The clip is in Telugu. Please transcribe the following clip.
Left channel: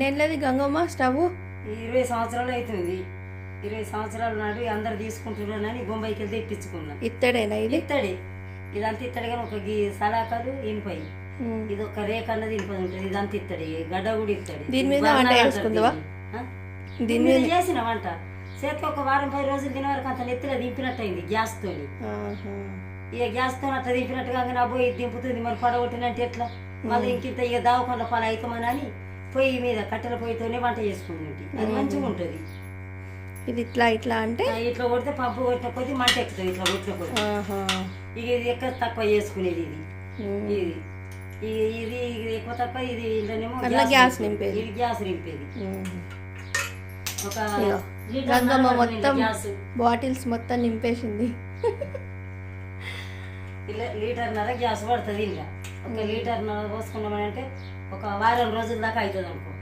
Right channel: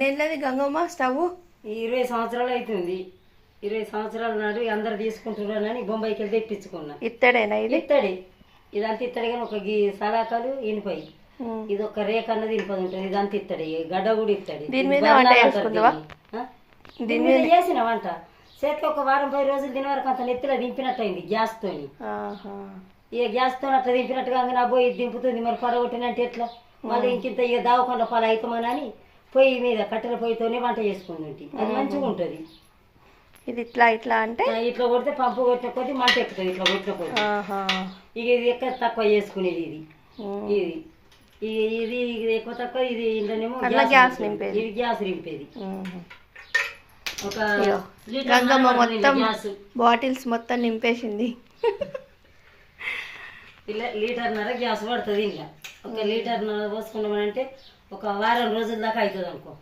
ఎన్నేళ్ళది గంగమ్మ స్టవ్? 20 సంవత్సరాలు అవుతుంది. 20 సంవత్సరాల నాడు అందరు తీసుకుంటున్నారని బొంబాయికి వెళ్తే ఇప్పించుకున్నా. ఇత్తడేనా ఇది? ఇత్తడి, ఇదంతా ఇత్తడి. కానీ ఒక సలాకాలు ఇనుపాయి, ఇది ఒక రేఖ అన్నది ఇనుపది ఉంటుంది. ఇదంతా ఇత్తడి, గడ్డ కూడా ఇత్తడి. దీని మీద వంట చేసుకుందావా? దీని మీద చేసిన వంట చేతికి ఒక వారం 10 రోజులు తినే వరకు అంత నెత్తిలో దింపినట్టు అయింది గ్యాస్తో. ఇక గ్యాస్తో అట్లా దింపినట్టుగా నా పోయి దింపుతుంది. మరి పడగొట్టినట్టు ఎట్లా మళ్ళీ ఇంకింత ఇక దావకుండా పాలు అవుతామని అని పొయ్యి మీద కట్టెల పొయ్యితోనే వంట చేసుకుంది. అది మంచిగా ఉంటుంది. ఇది ఇట్లా ఇట్లా అంటే ఇట్లా కొడితే పంపు కొట్టిన కొద్ది మంట ఎక్కుతుంది. ఇట్లా కొట్టిన కొద్ది ఇక ఇది ఎక్కువ తక్కువ చేసుకునేది. ఇది ఇది ఇది ఎక్కువ తక్కువ. ఇది ఇంట్లోనేమో గ్యాస్ నింపేది. ఇది గ్యాస్ నింపేది. ఒక గంగమ్మ మొత్తం బాటిల్స్ మొత్తం నింపేసింది. లీటర్న్నర గ్యాస్ పడుతుంది. ఇంకా ఒక లీటర్న్నర పోసుకున్నామని అంటే ఒక వారం రోజుల దాకా అవుతుంది అనుకో.